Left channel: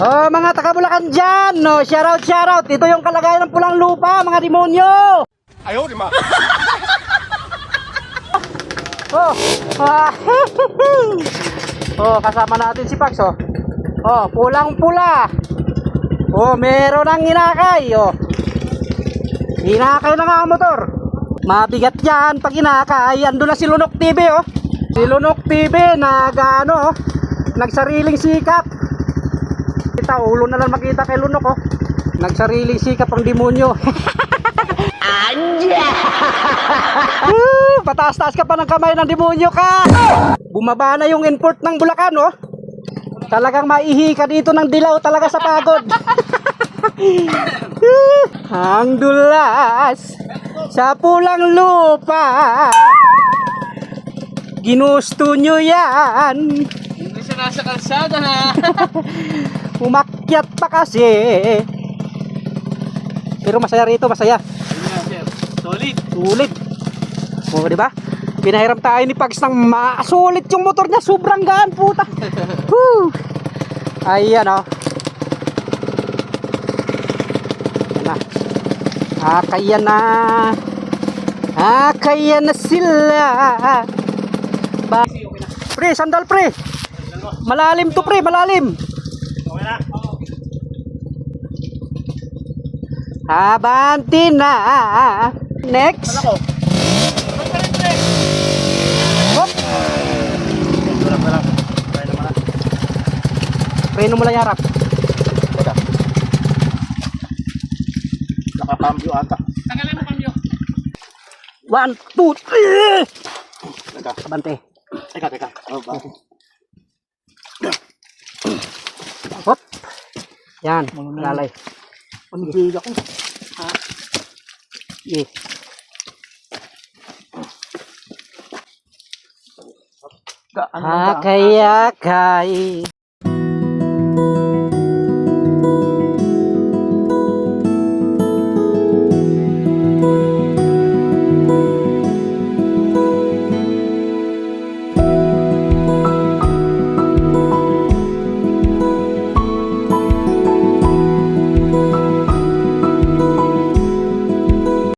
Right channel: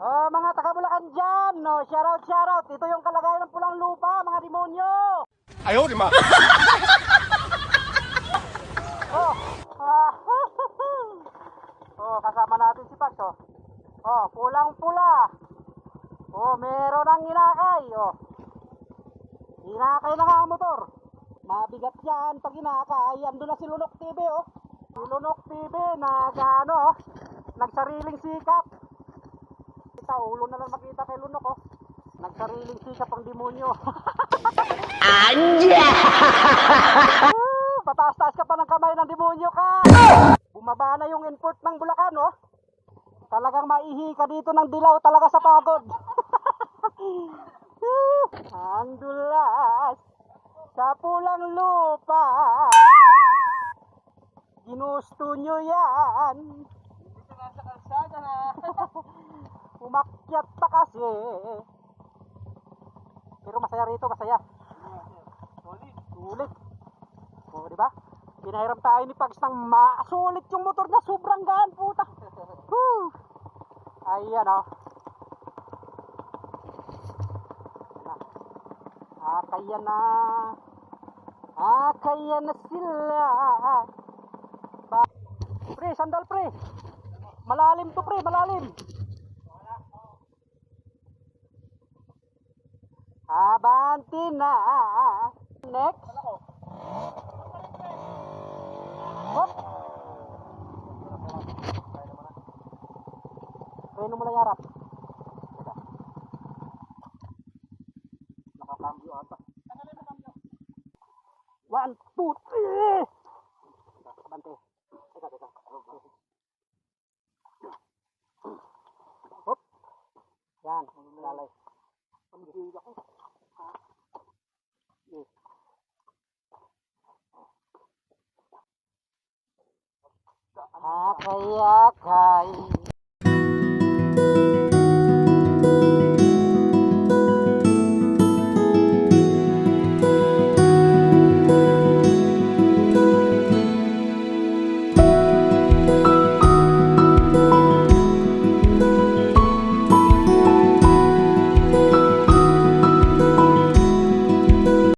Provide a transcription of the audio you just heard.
Oh, mga taga Bulacan dyan, no, shoutout, shoutout. Ito yung kalagayan ng pulang lupa, mga demonyo. Ayaw, di ma. Oh, ah, oh, kasama natin si Pax, oh. Oh, pulang pula. Oh, meron ang inakay, oh. Inakay na nga ang motor. Mabigat yan pag inakay. Ando na si Lunok TV, oh. Si Lunok TV, nag, ano, oh, nagsariling sikap. Kita, ulo na lang makita kay Lunok, oh. Nagsariling sikap ang demonyo. Uh, Pataas-taas ka pa ng kamay ng demonyo ka. Bumaba na yung import ng Bulacan, oh. Talagang maihi ka dito ng dilaw talaga sa pagod. Ang dulas sa pulang lupa. Ginusto nyo yan. Nasa kalsada ha. Umakyat pa kasi. Pero masaya rito, masaya. sir. Solid. Sulit. O, di ba? Pinahiram tayo ni Pags ng masulit yung motor niya. Sobrang gaan, puta. Woo! Ayan, o. Ayan na. Ah, kaya na. Ah, kaya na sila. Ba pre, sandal pre. Malalim to pre, malalim. Okay na. Abanti na. Next. Hop. Pa lang. Kaya naman na. Preno mo lang yarap. Teka. Nakakambyo ata. Tanggalin mo kambyo. One, two, three. Teka. Abante. Teka, teka. Oh, Yan, malalay. Panigig ako. Ha? Yeah. Hakayakay.